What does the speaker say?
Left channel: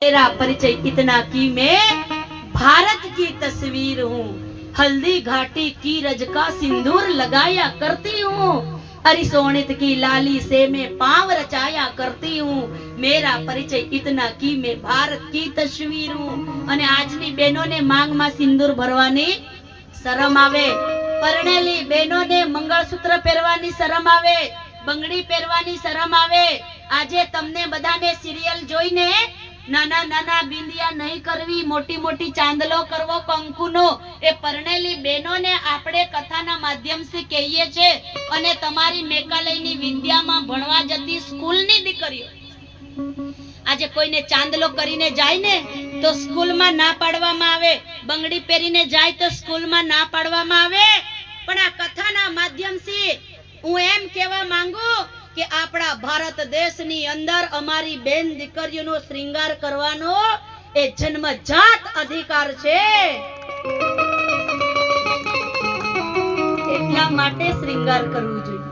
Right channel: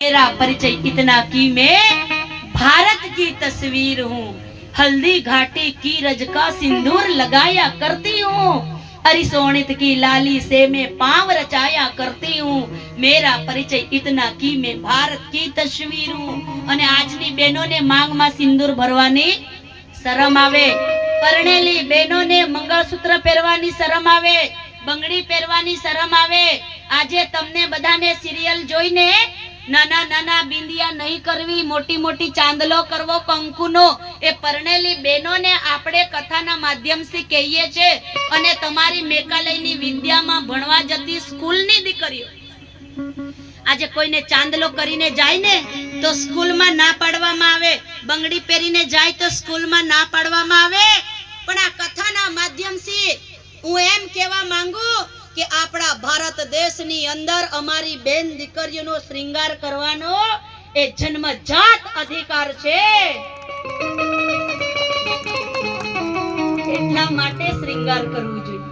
मेरा परिचय इतना कि मैं भारत की तस्वीर हूँ। हल्दी घाटी की रज का सिंदूर लगाया करती हूँ। अरिसोणित की लाली से मैं पांव रचाया करती हूँ। मेरा परिचय इतना कि मैं भारत की तस्वीर हूँ। અને આજની બહેનોને માંગમાં સિંદૂર ભરવાની શરમ આવે, પરણેલી બહેનોને મંગળસૂત્ર પહેરવાની શરમ આવે, બંગડી પહેરવાની શરમ આવે। આજે તમને બધાને સિરિયલ જોઈને નાના નાના બિંદિયા નહીં કરવી, મોટી મોટી ચાંદલો કરવો કંકુનો, એ પરણેલી બહેનોને આપણે કથાના માધ્યમથી કહીએ છે। અને તમારી મેકાલયની વિદ્યામાં ભણવા જતી સ્કૂલની દીકરીઓ આજે કોઈને ચાંદલો કરીને જાય ને તો સ્કૂલમાં ના પાડવામાં આવે, બંગડી પહેરીને જાય તો સ્કૂલમાં ના પાડવામાં આવે। પણ આ કથાના માધ્યમથી હું એમ કહેવા માંગુ કે આપણા ભારત દેશની અંદર અમારી બેન દીકરીઓનો શ્રૃંગાર કરવાનો એ જન્મજાત અધિકાર છે। એટલા માટે શ્રૃંગાર કરવું જોઈએ।